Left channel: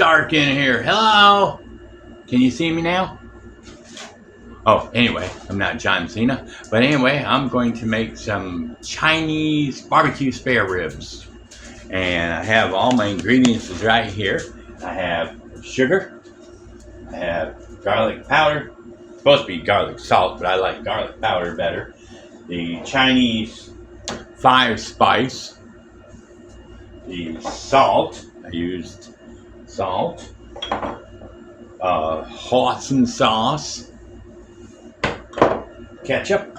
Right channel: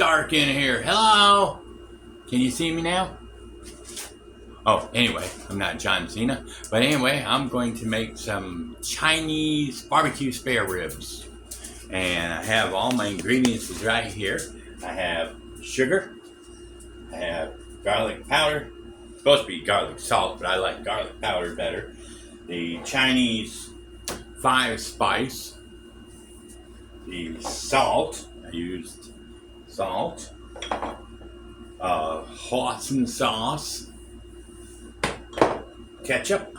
dark in here. Hello? Can you see me now? Oh, anyway, I'm not John Cena. But anyway, I'm going to make some Chinese barbecue spare ribs. And I have all my ingredients right here. I have sugar. I have garlic powder. It's supposed to be garlic salt, but I like garlic powder better. The Chinese 5-spice. The salt. I used salt. Hoisin sauce. Ketchup.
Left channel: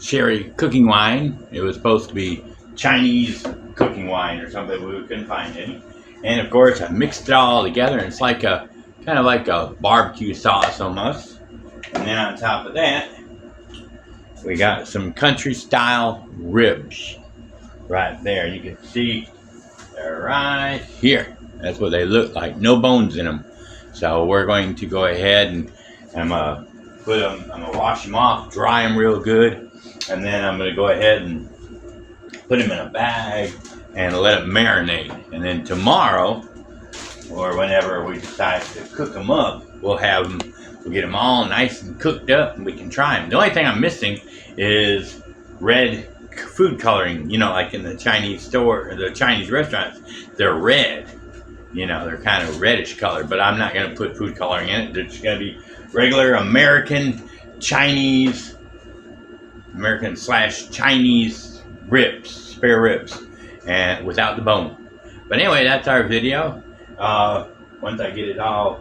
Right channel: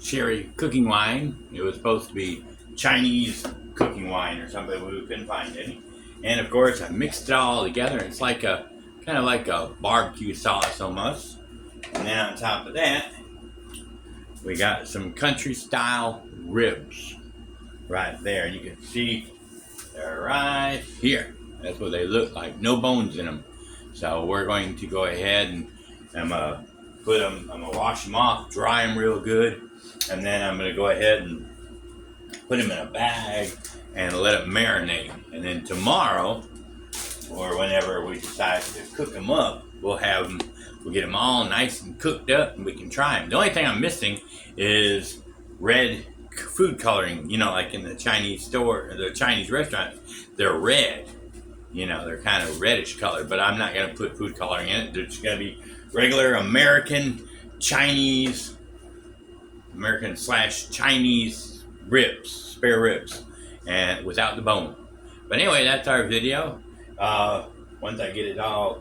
Sherry cooking wine. It was supposed to be Chinese cooking wine or something, but we couldn't find any. And of course, I mixed it all together, and it's like a kind of like a barbecue sauce almost. And then on top of that, we got some country style ribs right there. You can see they're right here. That's what they look like. No bones in them. So we're going to go ahead and I'm gonna wash them off, dry them real good, and then I'm gonna go ahead and put them in a bag and let it marinate. And then tomorrow, or whenever we decide to cook them up, we'll get them all nice and cooked up, and we can try them. The only thing I'm missing is red food coloring. You know, like in the Chinese store or the Chinese restaurants, they're red. You know, they're kind of reddish colored, but I'm not going to put food coloring in it. They're just going to be regular American Chinese, American/Chinese ribs, spare ribs, and without the bone. But anyway, that's our video. Once I get it all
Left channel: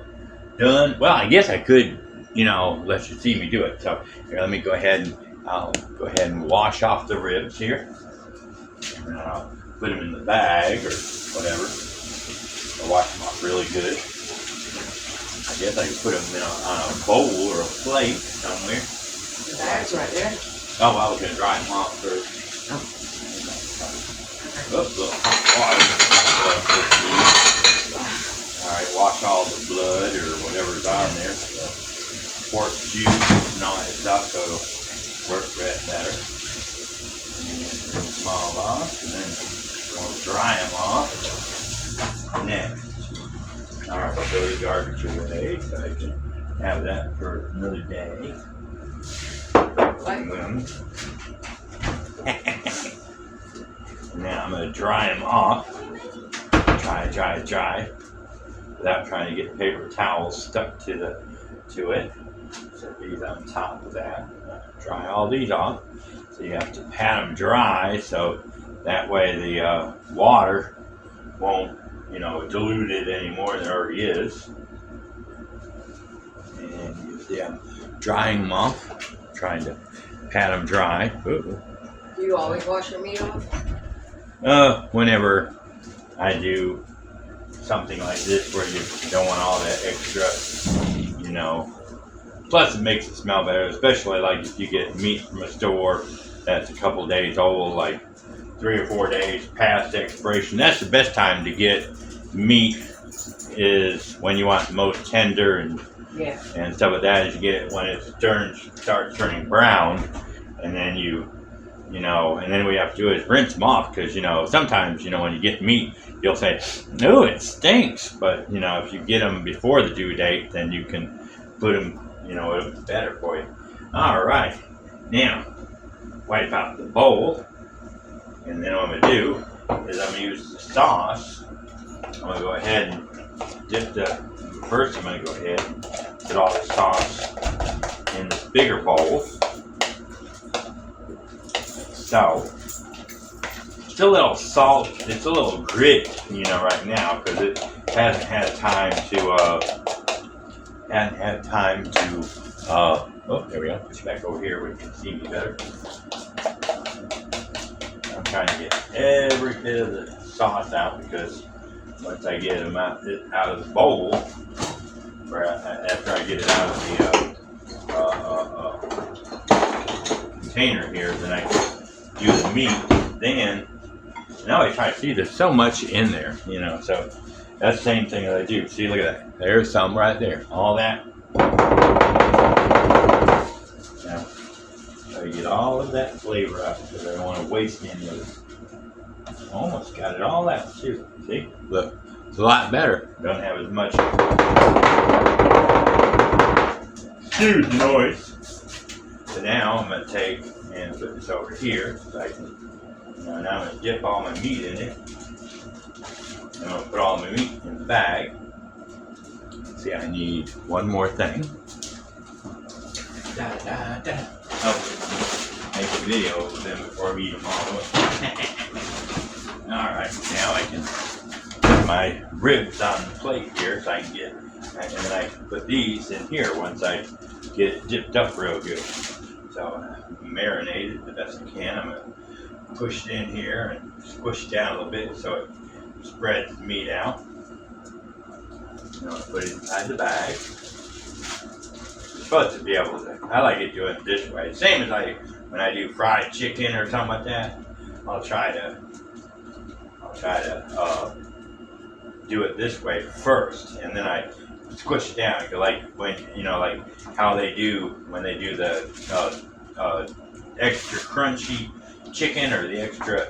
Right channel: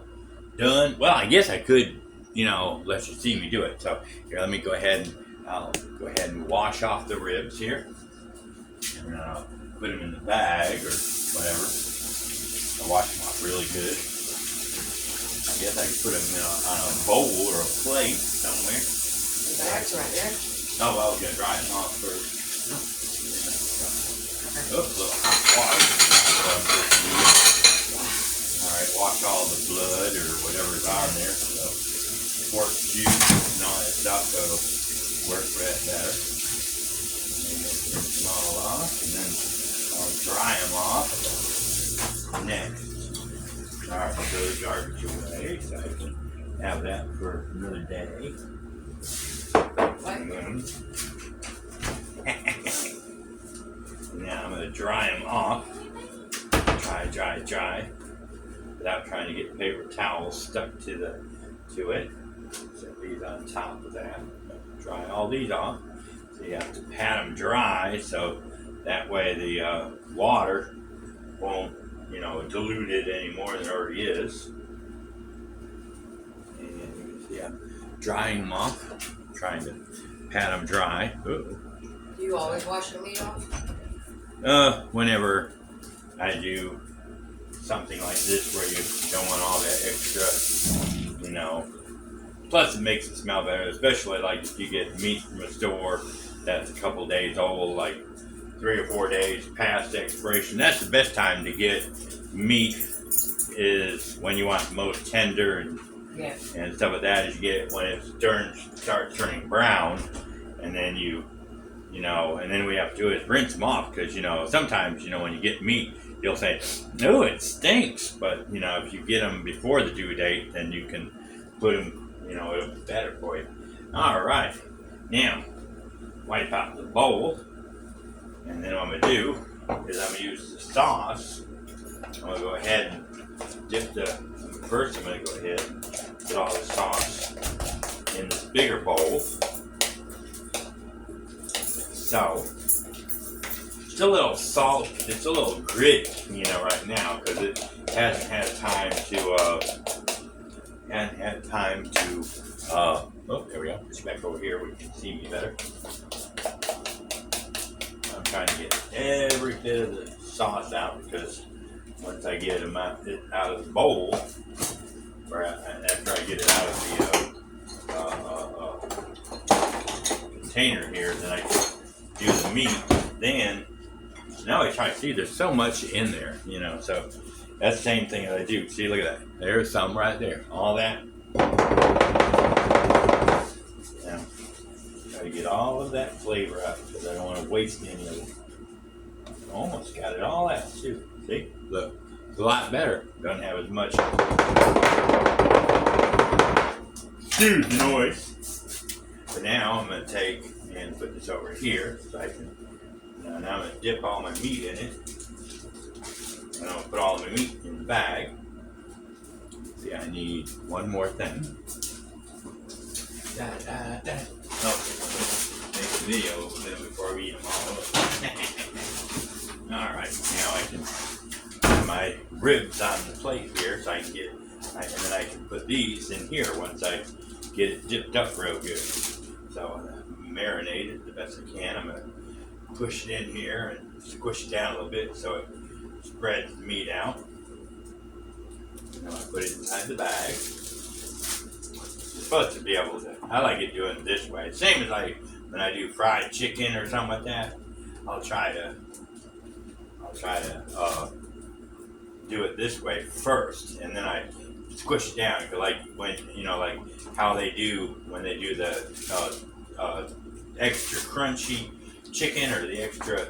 done, well, I guess I could, you know, let you see me do it. So here, let me go ahead and I'll go ahead and wash off the ribs here, and I'll put them in the bag or whatever. I'll wash them off really good. I guess I could put them on a bowl or a plate somewhere. The bag's right there. Oh, I was going to dry them off first. Oh. Oops, a little hot water. Alright, wash all the blood or whatever's on there. Pork juice and all that stuff, so it'll work better. And rinse them all off, and then I'll dry them off next. Alright, I'll throw the garbage away so I can have that for another day. And now I'm going to dry them off. Dry. Without trying to get paper towels stuck to it. Set these on top of that. Dry all these off. So you have to pat them dry, so that way the water won't, you know, dilute it any more than it already is. And you see I'm drying them off, trying to pat them dry. Ooh. Do you always wash your meat off? Whenever I do something like this where you don't want all that extra, you know. Plus it makes it smell better, especially like if you get meat from a store that's a couple days old, like 3 or 4 days past expiration. That's the best time to get meat, is when you want the most tender and stuff like that, is you get it when it starts turning brown, and then you know, and then what you have to do is rinse them off, because, you know, sometimes, you know, when you get meat, you'll say, no, it stinks, but, you know, if you get them before the due date, then you can put them, you know, it'll be better for you. All right, now, wipe out the bowl, and then what I'm going to do is I'm going to use the sauce. I'm going to go ahead and dip first I'm going to go ahead and put all the sauce in this bigger bowl. So, it's a little salt, it's a little grit, you know, right now, because it hasn't had time to, oh, there we go, push back over here where you can see me better. I'm trying to get every bit of the sauce out, because once I get them out of the bowl, or after I get it out of the container here, then I do the meat. Then, now I try to see, there's so much in there, you know, so that's the same thing that I do. See, look at that. There's some right there. All that. Now, try to get all of that flavor out, because I don't want to waste any of it. almost got it all out too. See? Look, it's a lot better. Doesn't have as much noise. So now I'm gonna take and put this over here so I can, now I'm gonna dip all my meat in it. And I'm gonna put all my meat in the bag. See, I need one more thing. Oh, make a video of them before we eat them all up. Alright, now I can put my ribs on the plate here so I can get, and then I can put these in here once I get it dipped up real good. So marinate it the best I can. I'm going to push it in here and squish it down a little bit so it spreads the meat out. I'm going to put it inside the bag. Supposed to be able to, I like it doing it this way. Same as when I do fried chicken or something like that. I'll try to do it this way first, and then I squish it down. Like when like how they do when they do the extra crunchy chicken or the extra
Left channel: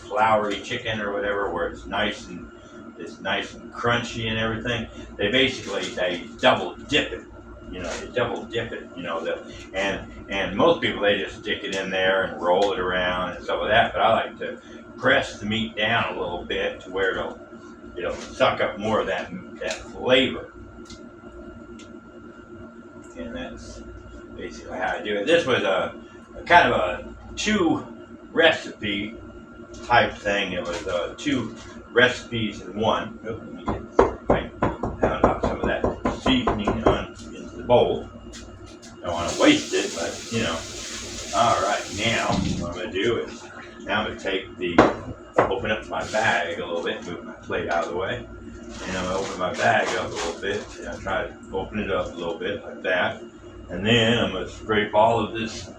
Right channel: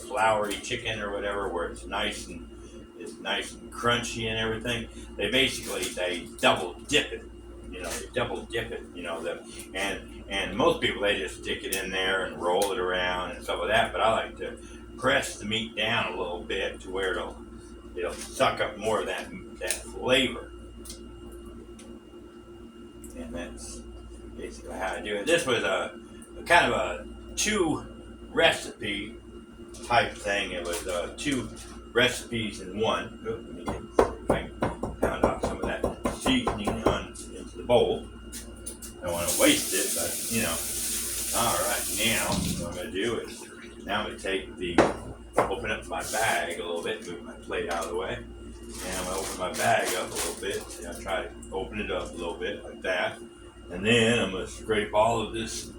floury chicken or whatever, where it's nice and crunchy and everything. They double dip it. And most people, they just stick it in there and roll it around and stuff like that. But I like to press the meat down a little bit to where it'll suck up more of that flavor. And that's basically how I do it. This was a kind of a 2 recipe type thing. It was 2 recipes in one. Oh, let me pound out some of that seasoning into the bowl. Don't want to waste it, but Alright, now what I'm going to do is, now I'm going to open up my bag a little bit, move my plate out of the way, and I'm going to open my bag up a little bit, and I'll try to open it up a little bit like that, and then I'm going to scrape all of this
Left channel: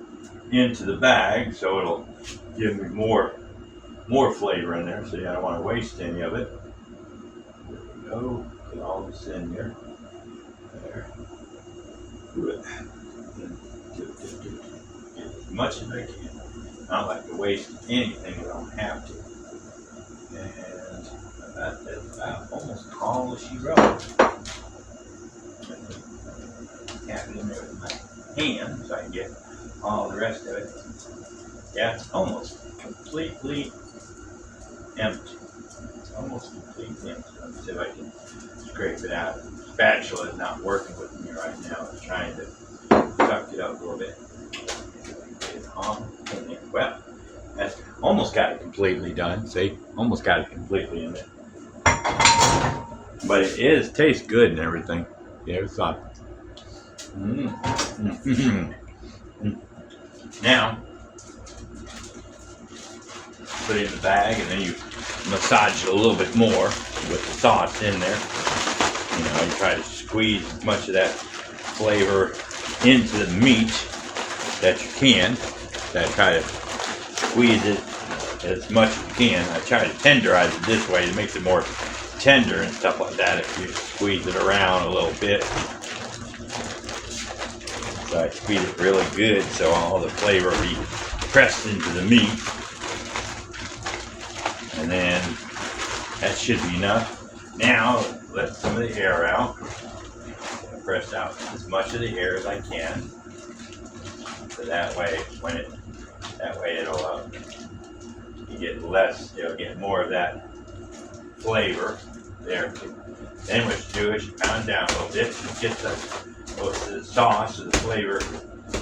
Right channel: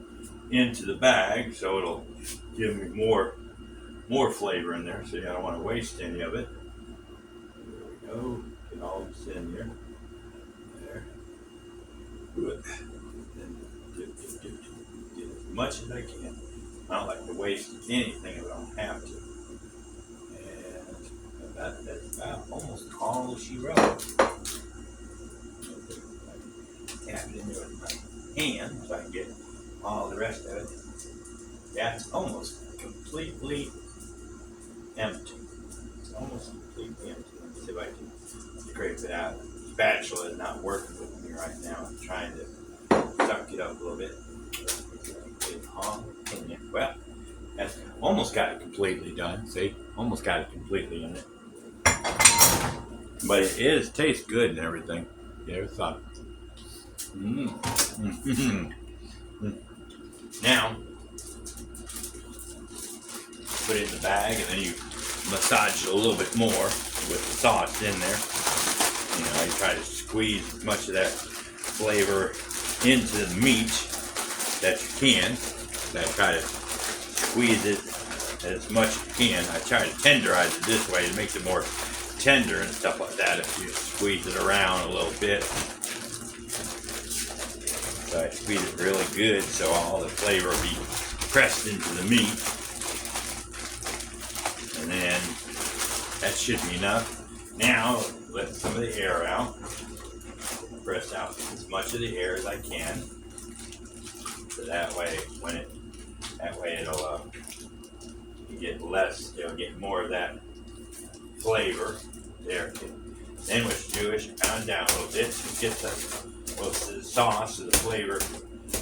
into the bag so it'll give me more flavor in there, so you don't want to waste any of it. There we go, get all this in here. There. Good. Get as much as I can. I don't like to waste anything if I don't have to. And that's about almost all she wrote. Tap it in there with my hand so I can get all the rest of it. Yeah, it's almost completely empty. Almost completely empty. Let me see if I can scrape it out. The spatula is not working with me right now. I'm trying to suck it up a little bit. Get it all in there. Well, that's almost got it completely done. See? Almost got it completely in there. But it tastes good and everything. There's thought. Now, put it in the bag, and then you massage it a little bit more with the sauce in there. You try to squeeze as much of that flavor into the meat that you can. So I try to squeeze it as much as you can. I try to tenderize it this way. It makes it more tender and stuff like that if you squeeze it around a little bit. So I squeeze it really good so all the flavor will be pressed into the meat. And then that should be enough. Now let some of the air out. Press out as much of the air as I can. So that way it'll you get less, you'll get more of that flavor there. Then what you do is you pound down a little bit and get both the sauce and the flavor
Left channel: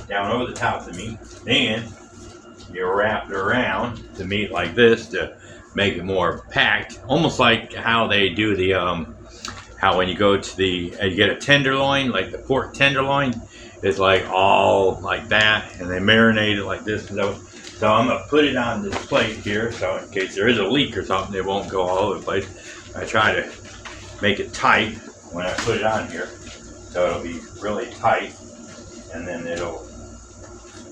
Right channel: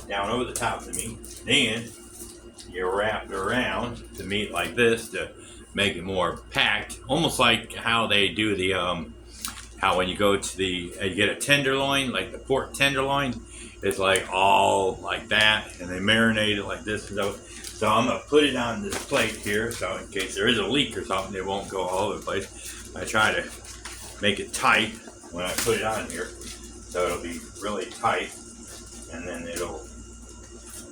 down over the top of the meat. Then you wrap it around the meat like this to make it more packed, almost like how they do the how when you go to you get a tenderloin, like the pork tenderloin, it's like all like that, and they marinate it like this. So I'm gonna put it on this plate here, so in case there is a leak or something, it won't go all over the place. I try to make it tight when I put it on here, so it'll be really tight, and then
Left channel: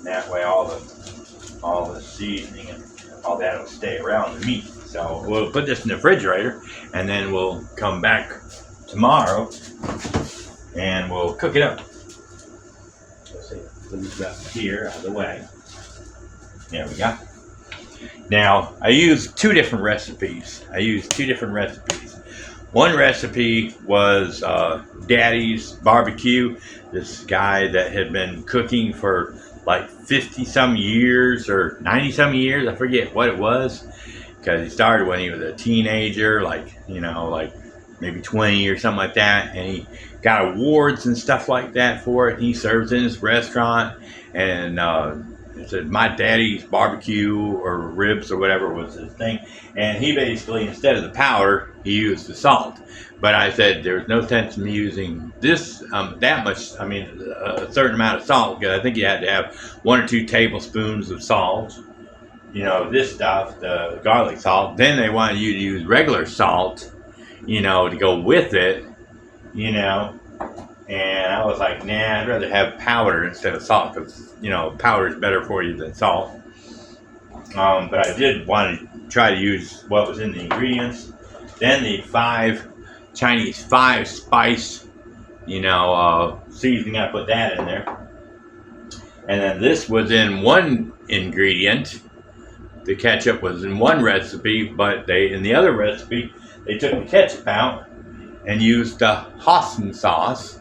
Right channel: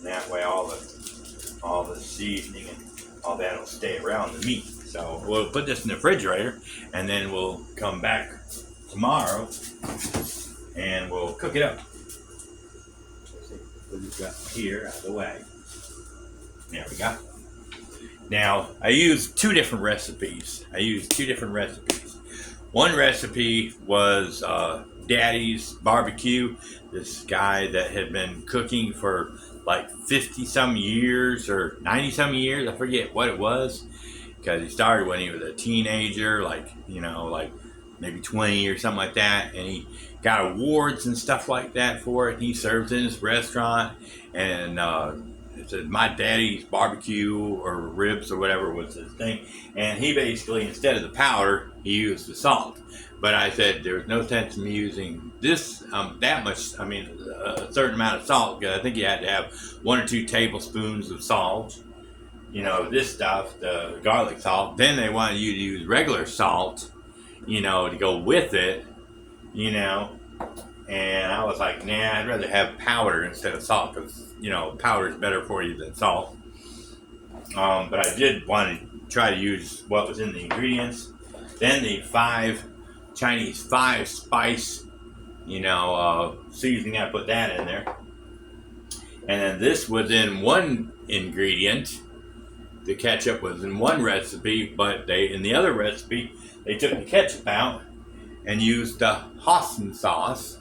that way all the seasoning and all that will stay around the meat. So we'll put this in the refrigerator, and then we'll come back tomorrow and we'll cook it up. Let's see, put this up here out of the way. There we go. Now, I used two different recipes. One recipe was Daddy's Barbecue. This guy that had been cooking for like 50 some years or 90 some years. I forget what it was, because he started when he was a teenager, like maybe 20 or something like that, and he got awards and stuff like that for it. He serves in his restaurant, and it said My Daddy's Barbecue or Ribs or whatever was his thing. And he basically, instead of the powder, he used the salt. But I said there's no sense in me using this that much. I mean, a certain amount of salt, because I think you had to have 1 or 2 tablespoons of salt. This stuff, the garlic salt. Then they wanted you to use regular salt, to go with it, And I was like, nah, I'd rather have powder instead of salt, because, powder is better for you than salt. But I did want to try to use what was in the ingredients. Then the Chinese 5 spice, seasoning, I put that in there. And then this was in one ingredient. The ketchup was in one recipe, but in the other recipe, they took the ketchup out and used the Hoisin sauce.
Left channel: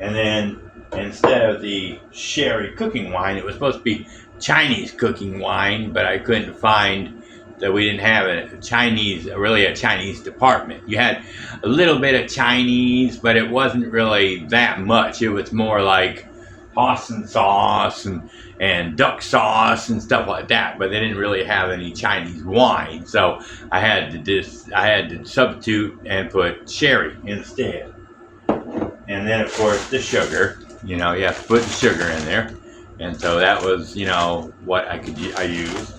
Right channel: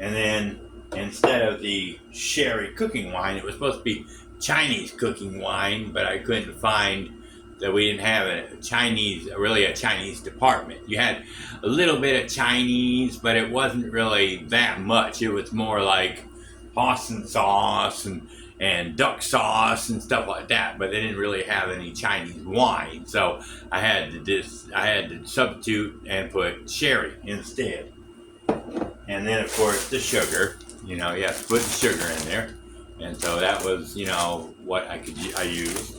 And then instead of the sherry cooking wine, it was supposed to be Chinese cooking wine, but I couldn't find that. We didn't have a Chinese department. You had a little bit of Chinese, but it wasn't really that much. It was more like Hoisin sauce and duck sauce and stuff like that, but they didn't really have any Chinese wine. So I had to substitute and put sherry instead. And then, of course, the sugar. You have to put the sugar in there. And so that was, what I used.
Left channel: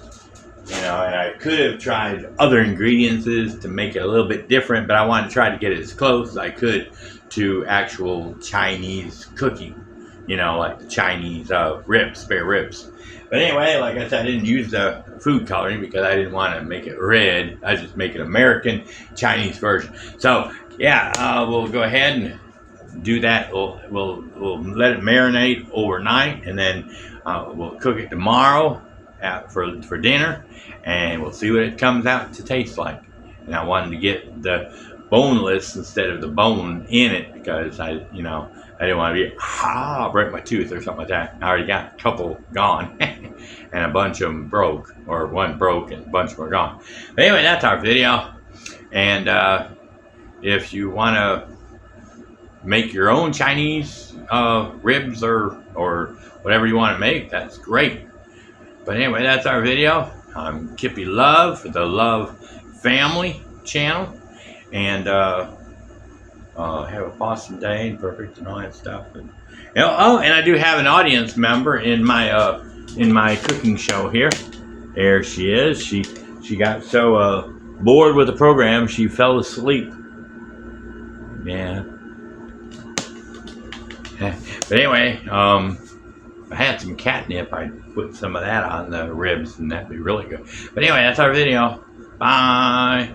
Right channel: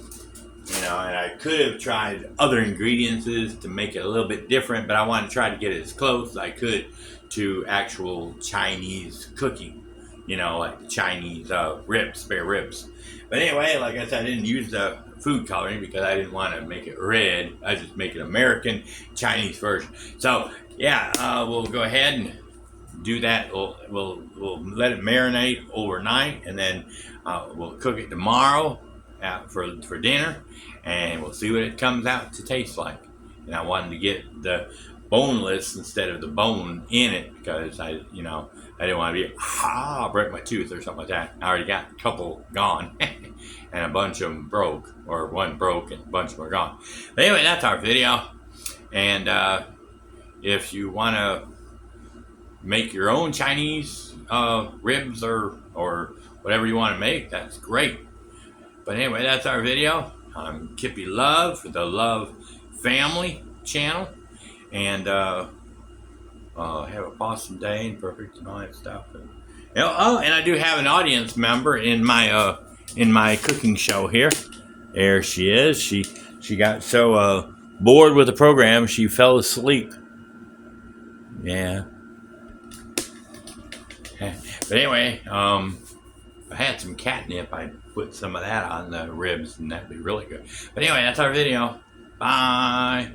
And I could have tried other ingredients to make it a little bit different, but I wanted to try to get it as close as I could to actual Chinese cooking. Like the Chinese spare ribs. But anyway, like I said, I didn't use the food coloring because I didn't want to make it red. I just make an American Chinese version. So, yeah, we'll go ahead and do that. We'll let it marinate overnight, and then we'll cook it tomorrow for dinner, and we'll see what it comes out to taste like. And I wanted to get the boneless instead of the bone in it, because I didn't want to break my tooth or something like that. I already got a couple gone, and a bunch of them broke, or one broke and a bunch of them are gone. But anyway, that's our video. And if you want to make your own Chinese ribs or whatever you want to make, that's great. But anyway, that's our video. I'm Kippy Love for the Love Family channel, and have an awesome day and perfect and all that stuff. And and I do have an audience member in my cooking show here. There she is. She got so bored with the program she fell asleep. Yeah. But anyway, if I had some catnip, I'd put some of that on the ribs, and that'd be really good. But anyway, that's our video. Bye.